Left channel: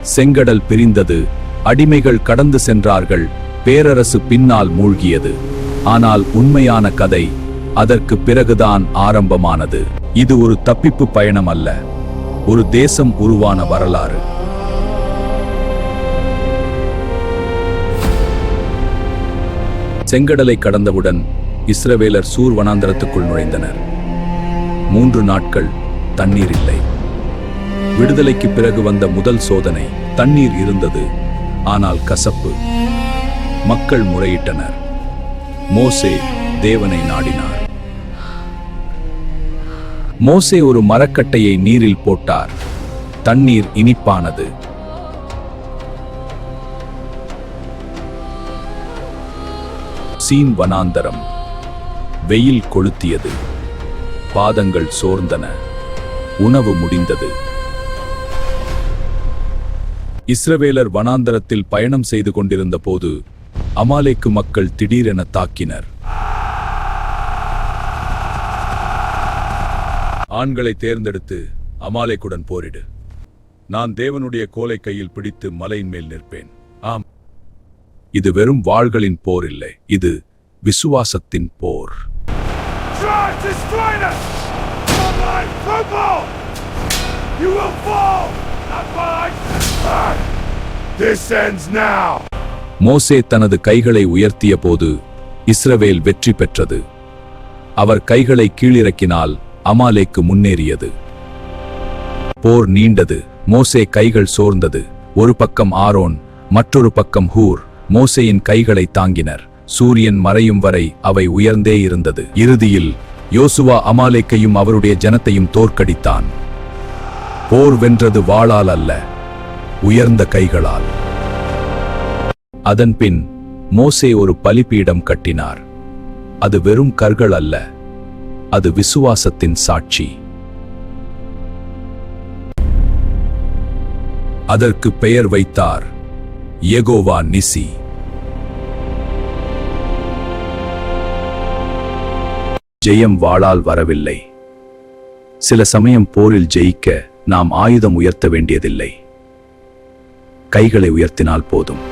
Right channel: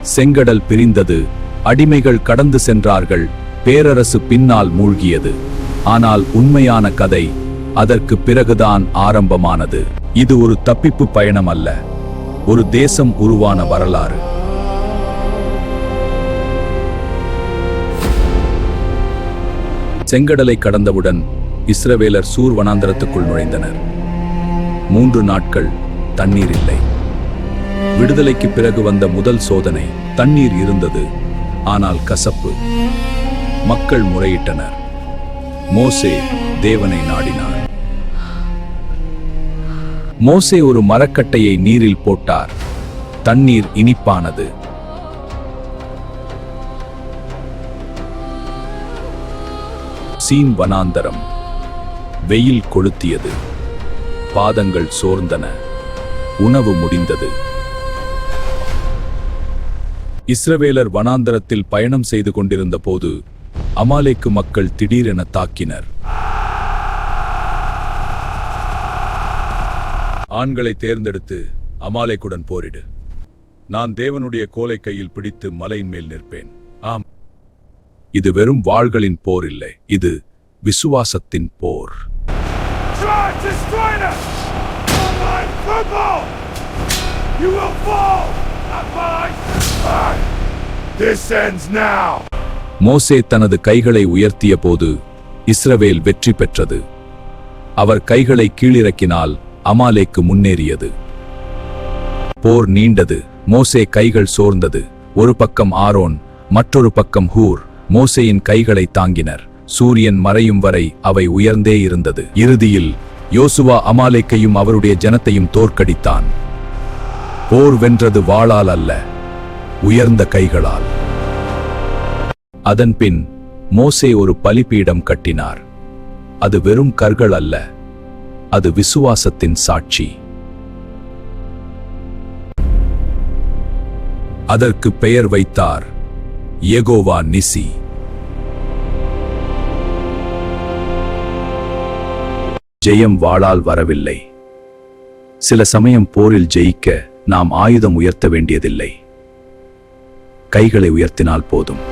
செங்கடல் பிரிந்தது, அடிமைகள் கடந்து சென்றார்கள், பேரரசு பின்னால் மூழ்கியது. ஆனால் உண்மையான கதை அதற்கு பிறகுதான் ஆரம்பமானது. இது ஒரு தப்பிப்பு பயணம் அல்ல, ஒரு தேசம் உருவான வரலாறு. செங்கடலை கடந்தவுடன் இஸ்ரவேலர் சூர் வனாந்தரத்துக்குள் நுழைந்தனர். 3 நாட்கள் தண்ணீர் இல்லை. விடுதலைக்கு பிறகு வந்த முதல் சோதனை. தண்ணீர் இருந்தது, ஆனால் கசப்பு. மக்கள் முறையிட்டனர். மோசே தேவனை நாடினார். மோசே ஒரு மரக்கட்டையை நீரில் போட்டார். தண்ணீர் இனிப்பானது. சீன் வனாந்தரம். வெயில் கொளுத்தியது, பாதங்கள் சோர்ந்தன, உணவு முடிந்தது. இஸ்ரவேலர் வனாந்தரத்தில் பயணம் செய்து கொண்டிருந்த போது அமாலேக்கு மக்கள் திடீரென தாக்கினர். ஆண்களை தேர்ந்தெடுத்து அமாலேக்குடன் போரிடு. நான் தேவனுடைய கோலை கையில் பிடித்து மலையின் மேல் நிற்பேன். ஆம், இது வெறும் வாள்களின் போர் இல்லை, இது விசுவாசத்தின் போர். மோசே தனது கைகளை உயர்த்திய போது இஸ்ரவேல் வெற்றி பெற்றது. அவர் கைகளை கீழிறக்கினால் அமாலேக்கு முன்னேறியது. போர் நீண்டது. மோசே கைகள் சோர்ந்தது. ஒரு பக்கம் ஆரோன், மற்றொரு பக்கம் ஹூர் மோசேயின் கைகளை தாங்கினர். சூரியன் மறையும் வரை அவை உயர்ந்தே இருந்தது. இறுதியில் யோசுவா அமாலேக்கையும் அவருடைய ஜனத்தையும் தோற்கடித்தான். போர் வென்றது வாளால் அல்ல, உயர்ந்த கைகளால். அதன்பின் மோசே ஒரு பலிபீடம் கட்டினார். அது வெறும் கற்கள் அல்ல, அது விசுவாசத்தின் சாட்சி. அதற்கு பெயர் வைத்தார் யெகோவா நிசி. ஜெயம் வாளால் வரவில்லை. சில சமயம் போரில் ஜெயிக்க நாம் ஆயுதம் உயர்த்த வேண்டியதில்லை, கைகளை உயர்த்தினால் போதும்.